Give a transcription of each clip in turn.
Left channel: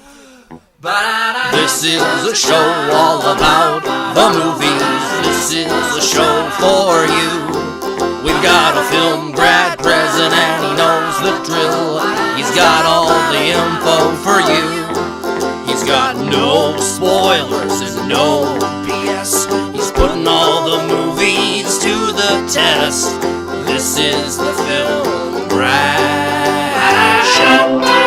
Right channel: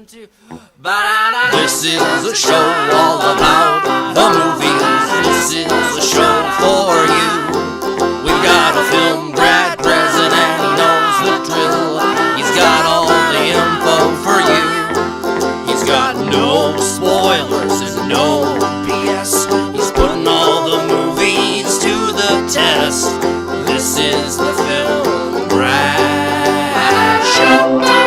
This is a show all about the movies. This is a show for you. We've got a film grad present and he knows the drill. He's got all the info for you. He's got no spoilers and no BS. He's putting all the movies to the test. This is the Film Grad Show.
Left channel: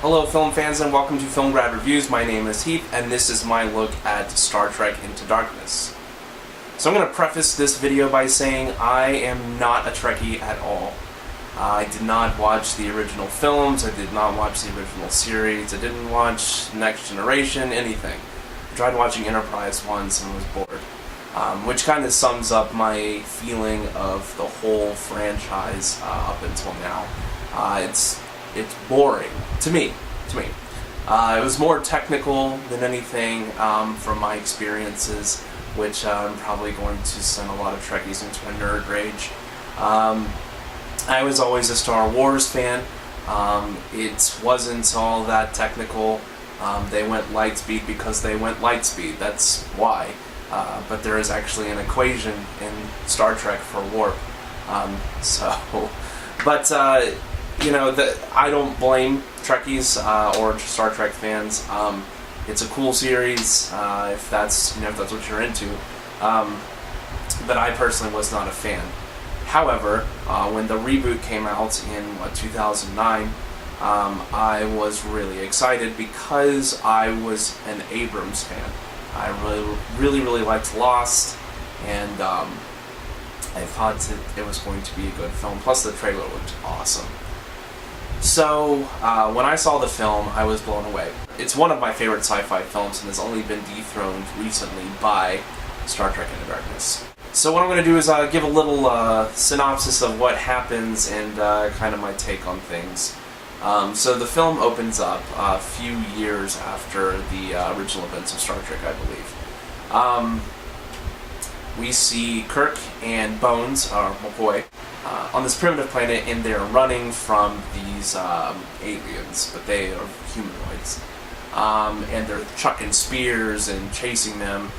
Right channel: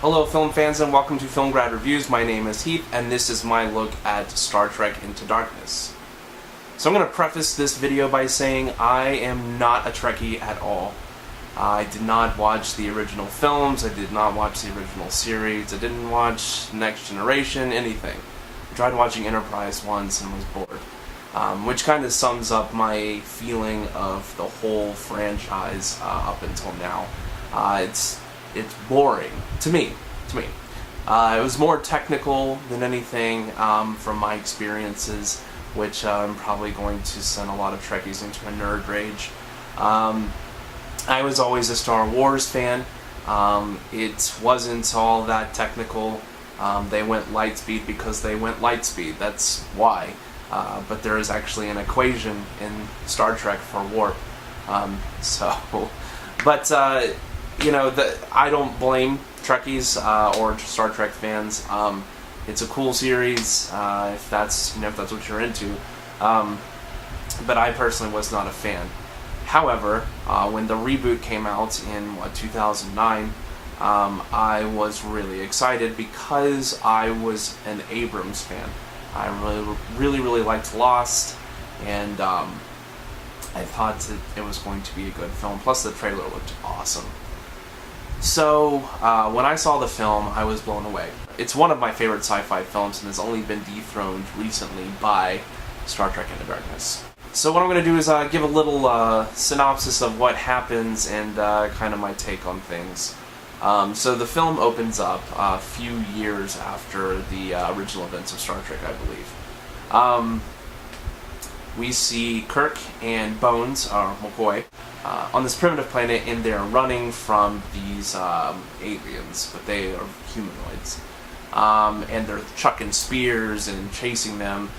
Hello film fans and welcome to Film Grad Reviews. My name is Heath and this is my look at Star Trek Into Darkness. So I'm going to preface this video by saying I am not a Trekkie at all. I did not watch the original films, I did not watch the original series, I didn't watch Next Generation, anything. I tried watching Enterprise once and was bored. Which kind of sums up my feeling of the whole franchise up until now. It's boring to me. It was more technical than anything from my experiences, which I'm probably going to send a lot of Trekkies into a nerd rage. I was always a Star Wars fan. It wasn't all that technical. They went light speed because they went light speed. That's why. But there is actually an equation in Star Trek for warp. You know, I don't blame Trekkies or Star Trek fans. It's a cool series if that's what you're into. But I personally was not a fan. However, when the reboot came out in 2009, I was really excited because I was an Abrams fan. I really liked Lost, and I thought that it was going to be a good film. Plus, the trailer looked awesome. So, when I saw the film, I was blown away. It's one of my favorite sci-fi films and has only been dethroned recently by Star Trek Into Darkness. So what I'm going to do is give a little synopsis of what happens and kind of my take on things. So the film opens up a few years after the original events of Star Trek, I believe. We see Kirk and Bones, or McCoy, on this primitive planet, and they're running from these aliens, but they are humanoids. And they're chucking spears and chasing them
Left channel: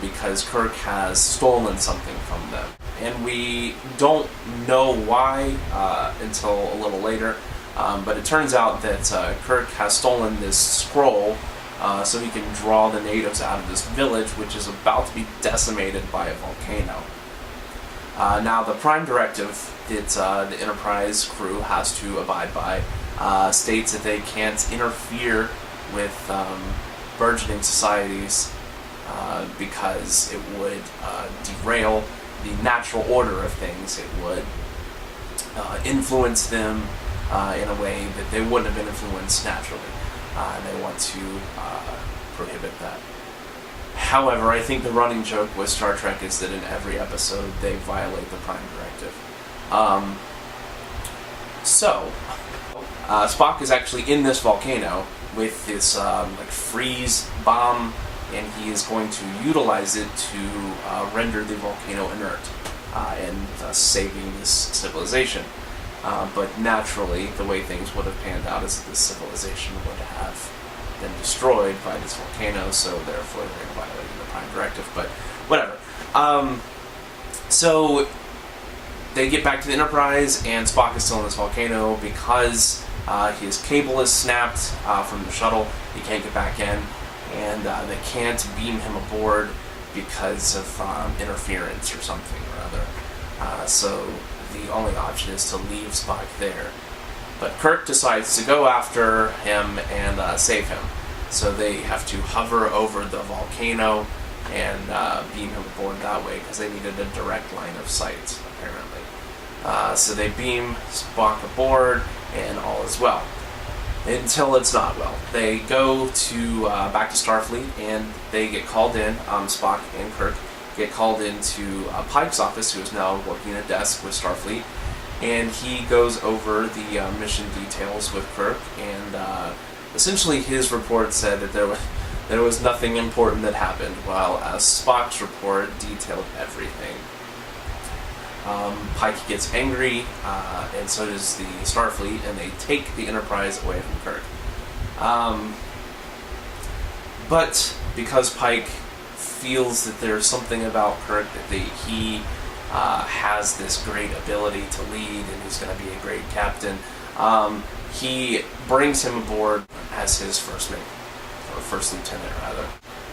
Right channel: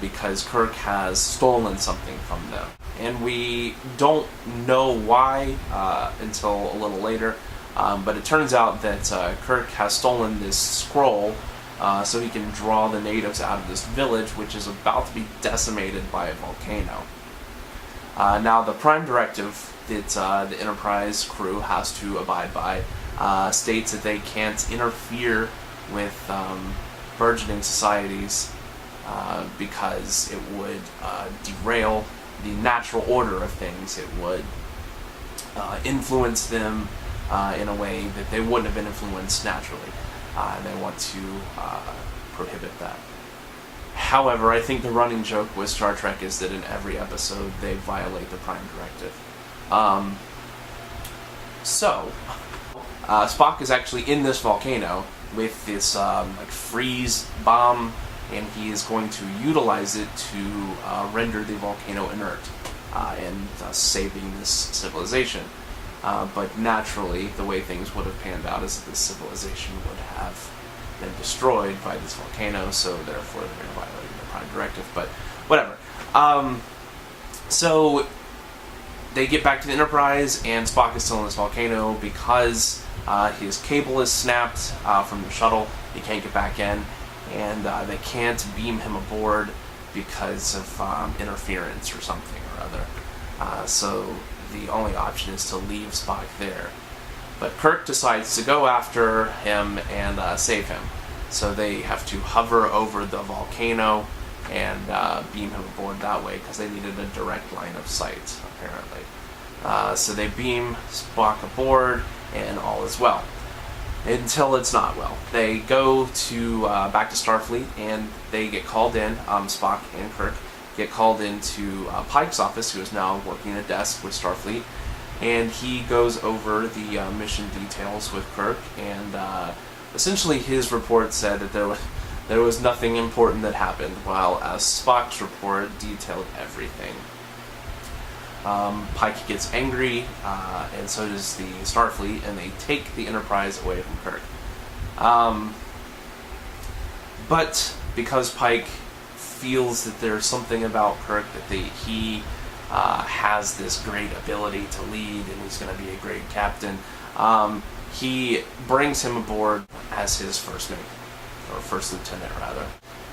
because Kirk has stolen something from them. And we don't know why until a little later, but it turns out that Kirk has stolen this scroll so he can draw the natives out of this village, which is about to be decimated by a volcano. Now, the prime directive that the Enterprise crew has to abide by states that they can't interfere with burgeoning societies because it would derail the natural order of things. It would influence them in a way that they wouldn't have been influenced naturally. And they want to prohibit that. However, I think the running joke with Star Trek is that in every episode they violate the Prime Directive. Spock is actually in this volcano with this freeze bomb, and he is going to utilize it to render the volcano inert and saving this civilization. But naturally, the way things would have panned out is that this civilization would have been destroyed by this volcano, so therefore they're violating the Prime Directive, but whatever. So they get back to the Enterprise, and Spock is still in this volcano because his cable is snapped from the shuttle. He can't get back in, and they can't beam him aboard because of interference or something or other. So the only option is to leave Spock there. But Kirk decides to go after him and save him. So they have to hover over the volcano and beam him aboard that way because they needed a direct line of sight, apparently. So they beam Spock aboard and all is well. Until it's not well. They go to back to Starfleet and they get called in, Spock and Kirk get called into Pike's office, who is now working a desk with Starfleet, and he goes over the mission details with Kirk, and essentially his report said that there was nothing important that happened, while Spock's report detailed everything. Pike gets angry, and so does the Starfleet, and they take the Enterprise away from Kirk. But because Pike feels that there's something about Kirk, that he has this great ability to lead, and he's going to be a great captain, he brings him aboard as his first mate, or first lieutenant, rather.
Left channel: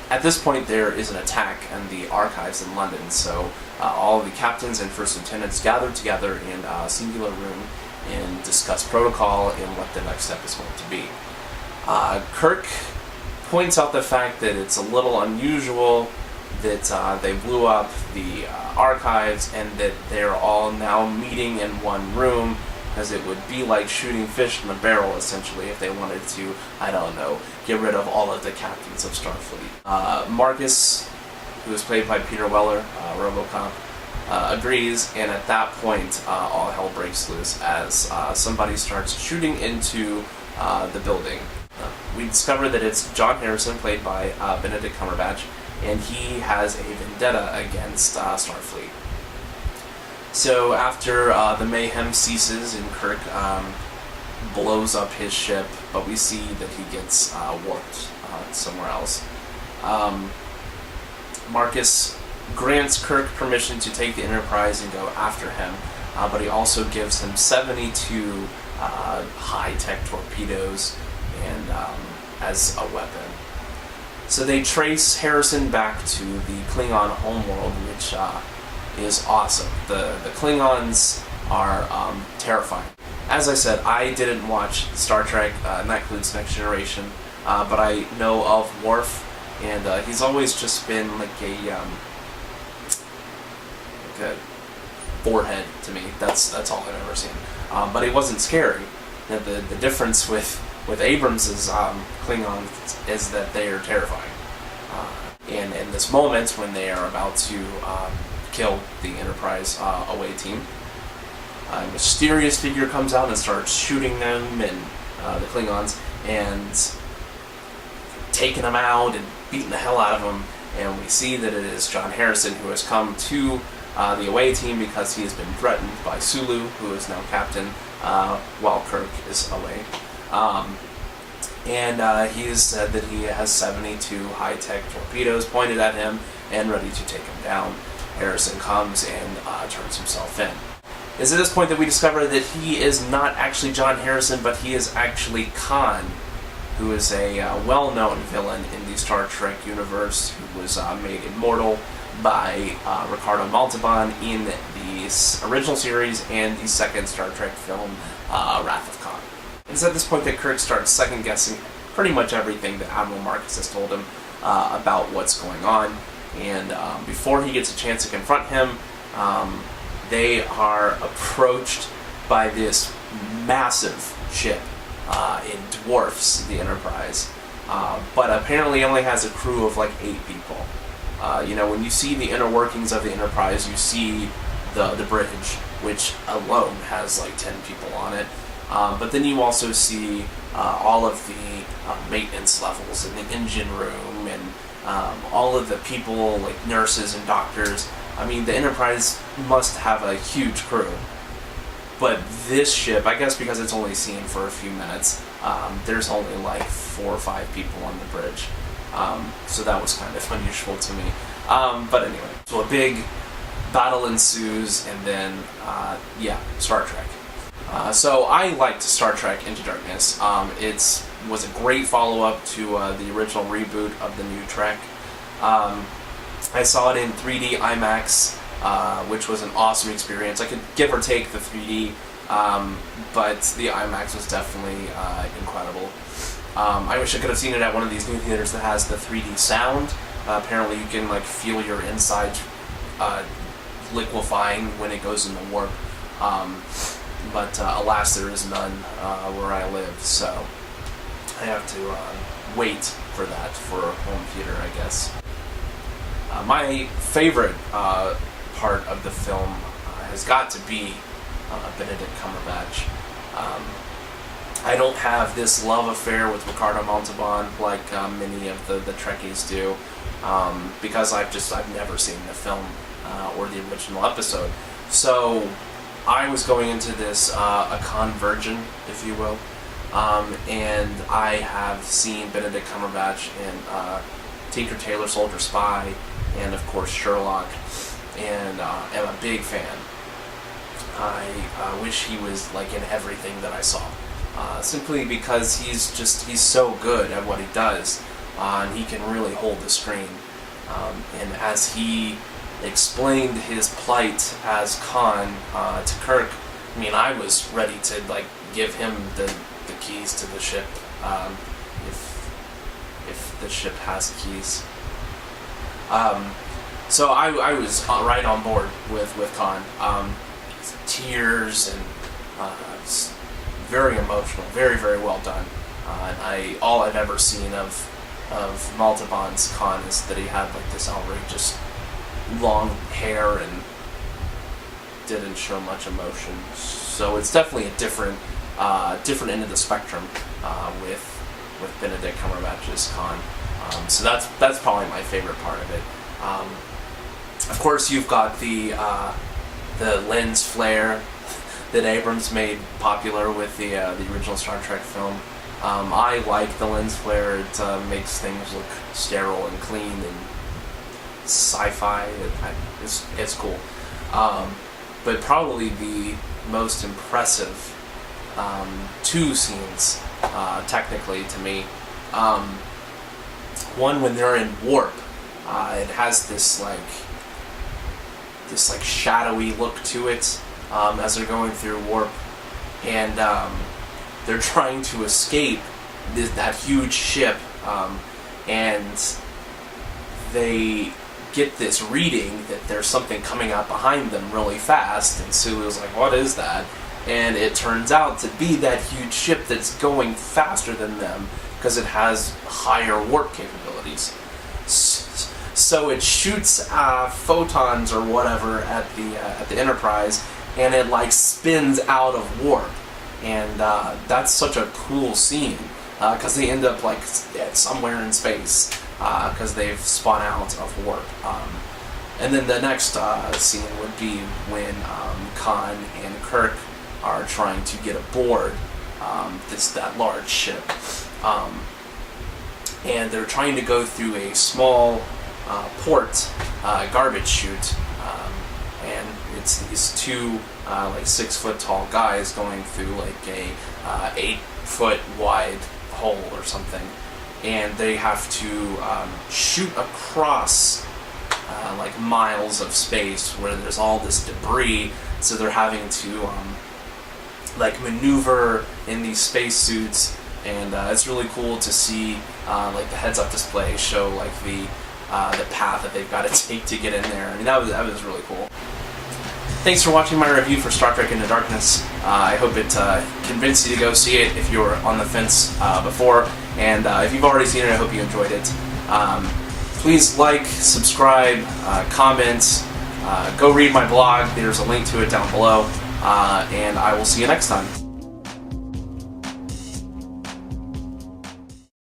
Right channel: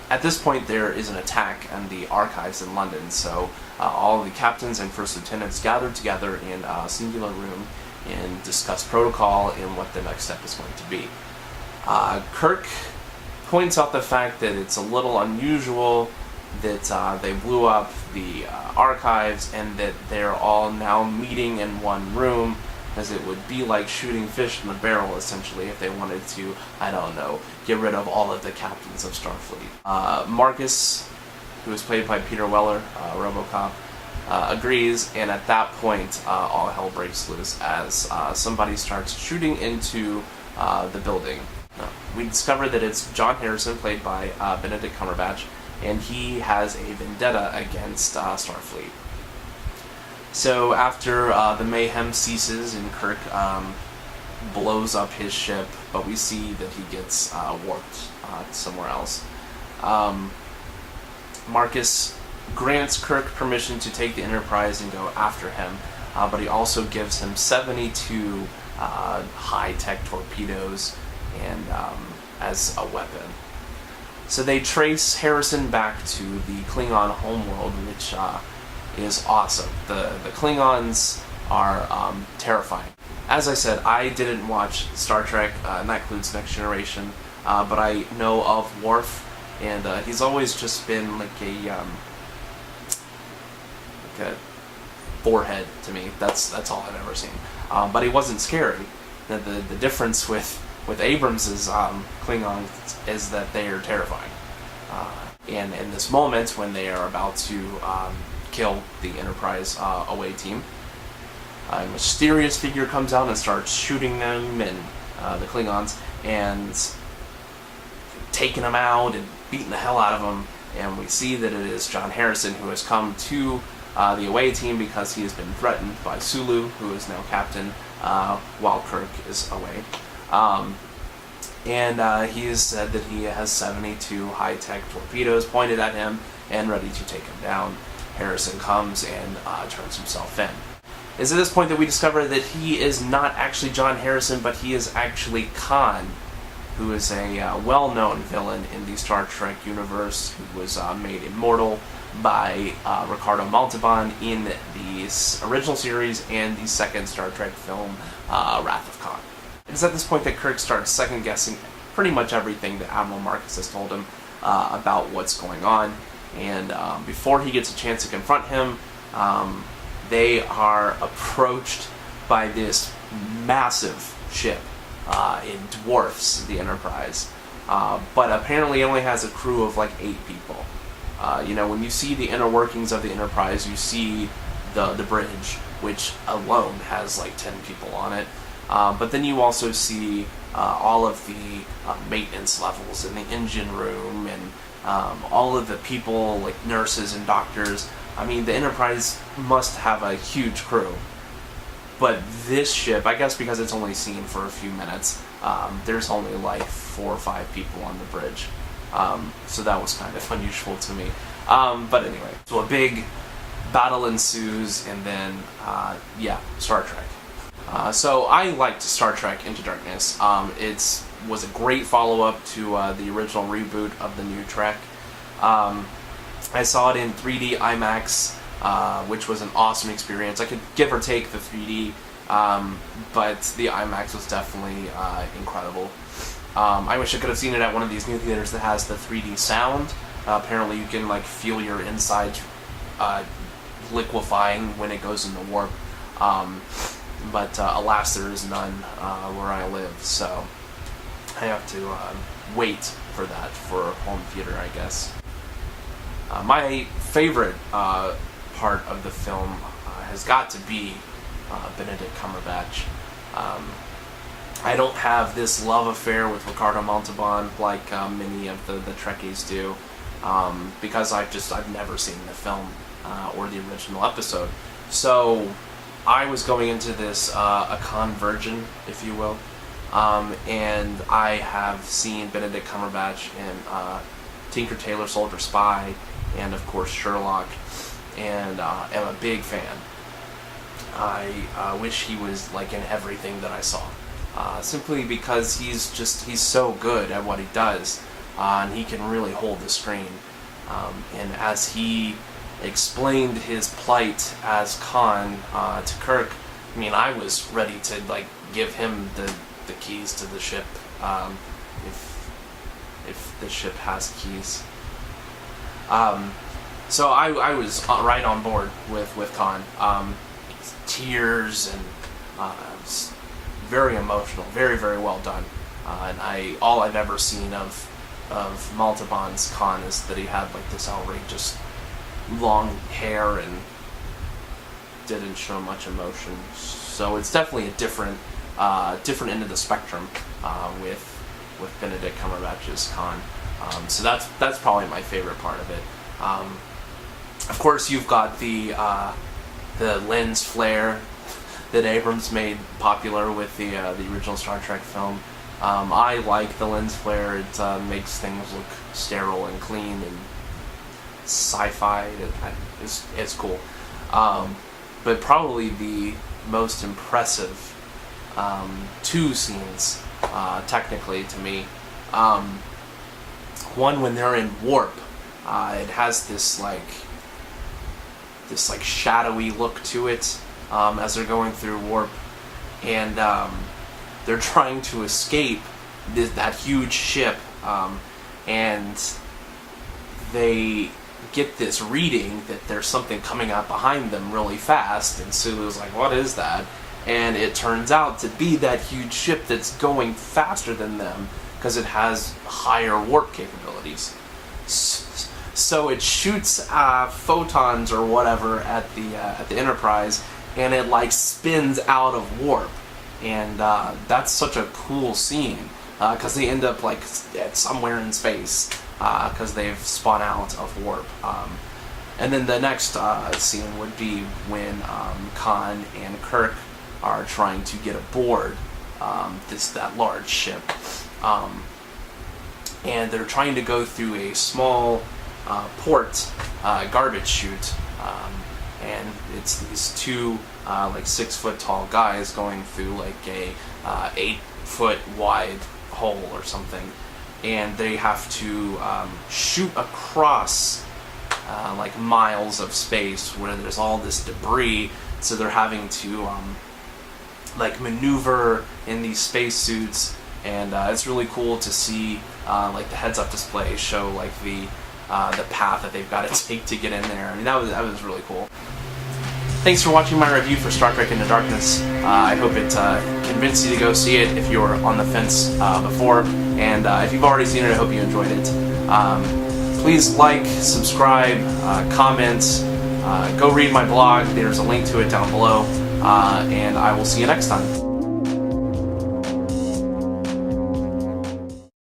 At this point, there is an attack in the archives in London, so all the captains and first lieutenants gather together in a singular room and discuss protocol and what the next step is going to be. Kirk points out the fact that it's a little unusual that they blew up the archives and that they're all now meeting in one room, because it would be like shooting fish in a barrel, essentially, if they wanted to, I don't know, get rid of all of the captains of Starfleet. Marcus, who is played by Peter Weller, RoboCop, agrees, and at that point, all hell breaks loose as somebody starts shooting into the building. We discover that it's John Harrison, played by Benedict Cumberbatch, and he has a vendetta against Starfleet. So after the mayhem ceases and Kirk blows up his ship, but we see that he gets warped somewhere else. Marcus grants Kirk permission to take the Enterprise and go after him, but he also gives him 72 high-tech torpedoes and as a weapon. So they trace Harrison back to the Klingon homeworld, which is awesome. The Klingons are terrifying. As I said, I didn't watch Star Trek, and that includes Next Generation, but I know of Worf, and he's always just been like a forehead to me. That's all I've ever seen. But he wasn't scary. The difference with Abrams' Klingons is that they are terrifying. And in this moment, when they are about to kill the Enterprise away team, a mysterious figure comes out and starts shooting them and the Klingons and taking them out and beating the hell out of them. And we see that it is John Harrison, who has come to the away team because he has been threatened by Sulu, who is now captain, while Kirk is away. And he has said that he has 72 high-tech torpedoes pointed at him and ready to take him down. Harrison comes and turns himself in. It's at this point that we discover that he is not actually John Harrison, but he is actually Khan, who is a well-known villain in the Star Trek universe, who was made immortal by Ricardo Montalban in the original series and the second Star Trek film, Wrath of Khan. It's at this point that Kirk starts second-guessing pretty much everything that Admiral Marcus has told him about what's going on. And before he gets a chance to confront him, they are approached by this massive ship. It dwarfs the Enterprise. But apparently only has a crew of like 8 people. When you see the inner workings of the Enterprise, you see the bridge, which alone has like 10 people on it. But then you also see all of the maintenance levels in the engine room and all of the people, like nurses and doctors. I mean, the Enterprise must have a huge crew. But this ship, I guess because it's only seen for a few minutes, there's only like 4 or 5 people on the bridge. So that was kind of unusual to me. But anyway, so a big battle ensues, and then, Star Trek. So I liked Star Trek Into Darkness. It was a great follow-up to the original reboot of the new Trek. I saw it in 3D IMAX, which was an awesome experience. I could give or take the 3D, but the IMAX was definitely incredible. I wish I could have seen it at one of these new theaters that has the 3D sound. Apparently you can like feel your inside liquefying when it goes into warp. But alas, there is none where I live, so I have to wait for that for home theater, I guess. My favorite part of the film has got to be Benedict Cumberbatch. I don't have this love affair with Ricardo Montalban like many of the Trekkies do, because I've never seen the film or the original episode. So I was going into this a con virgin, if you will, and I have seen Benedict Cumberbatch in Tinker Tailor Soldier Spy, and of course Sherlock, and am a big fan. I wish he was like in everything that I saw, simply because he's so good at what he does, and he can really hold the screen. And as he explained his plight as Khan to Kirk, I mean, I was ready to like give him the keys to the ship, if the ship has keys. So I was right on board with Khan. Tears and it's very emotional, very, very well done. And all I've ever seen of Montalban's Khan is that he had like this outrageous long hair and didn't show much emotion. So it's definitely a different end of the spectrum with Benedict Cumberbatch's Khan. So that's probably my favorite part of it. Of course, you've got the lens flare that Abrams made popular with the original Star Trek film. I like the lens flare. It makes things look sterile and clean and sci-fi. It's cool. But probably the most impressive two scenes, technically to me. One when they're in warp. It has this shadowy look to it as they're going through warp, and they're trying to escape that huge ship, and they get this reading that there's something coming out behind them really fast, and Sulu's like, what is that? And it turns out to be that huge ship that's going faster than them because it has higher warp capabilities. So it shoots photons or whatever at the Enterprise, and it like spins out of warp, and that's such a cool scene because they end up like somewhere in space because they've spun out of warp. And then the next scene would be when Khan and Kirk are trying to get aboard that large ship, and they're trying to go through a small port garbage chute, and it's these two like 6 foot tall guys going through like a 8 foot wide hole or something, and they have to shoot across like miles of space where there's all this debris, so they're having to like maneuver in these spacesuits, and it's really cool to see like the heads-up display show like the path that they've got to take to get in there. I mean, that was really cool. Thanks for watching my review for Star Trek Into Darkness. I hope it convinced you to go see it if you were on the fence before, and if you've already seen it, I hope you enjoyed it. Please like, subscribe, comment, go read my blog. There's a link to it down below, and I will see you next time.